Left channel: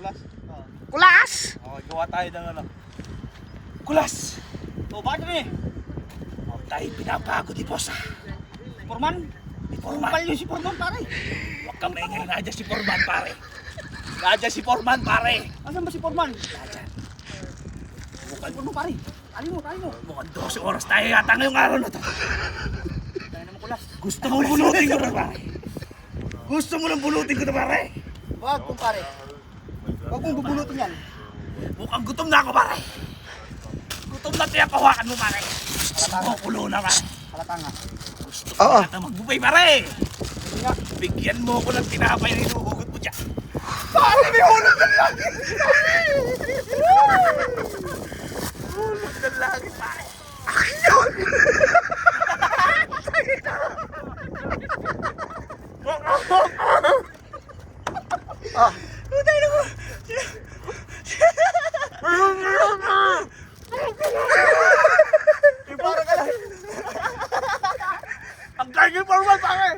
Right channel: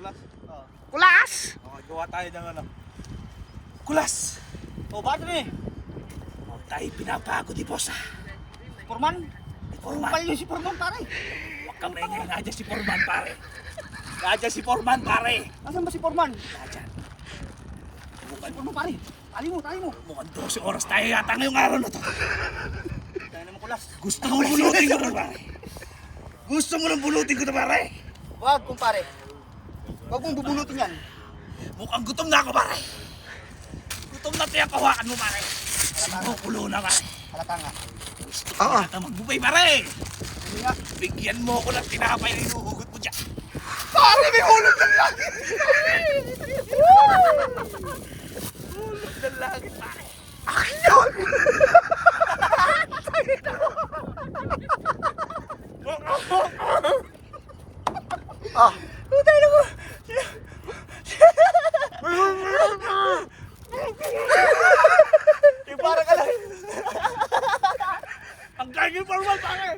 Kulas. Kulas! Okay, gawa tayo ng ano. Kulas! O, bakit kami? Huwag tayo pinabago ni Boss ah. Forman? Ni Forman. Kumpal yun si Forman, pare. Huwag kang maingay, nadyan si Forman pare. Nadyan si Forman pare. Nasaan ba si Forman? Nadyan. Si Forman, pare. Tali mo. Mukhang 12 oras tayo yata ngayong araw na to. Tayo naman kulas. Gusto mo bulutin ko na pare. Gusto mo nang bulutin ko na pare. Wag, kumpare. Wag mong bubulutin yan. Mukhang gutom na ako pare. Gutom na tayo kawakan mo pare. Sumukulo na pare. Halata nga. Gusto ko Oo. na magbubay pare. Hindi nga. Bigyan mo ako ng tinapay na hinuhugot mo dyan. Pare, may hulog ng lagi! Hulog ng langit pare. Ah. Para ka lang. Ang gagawin Forman pare.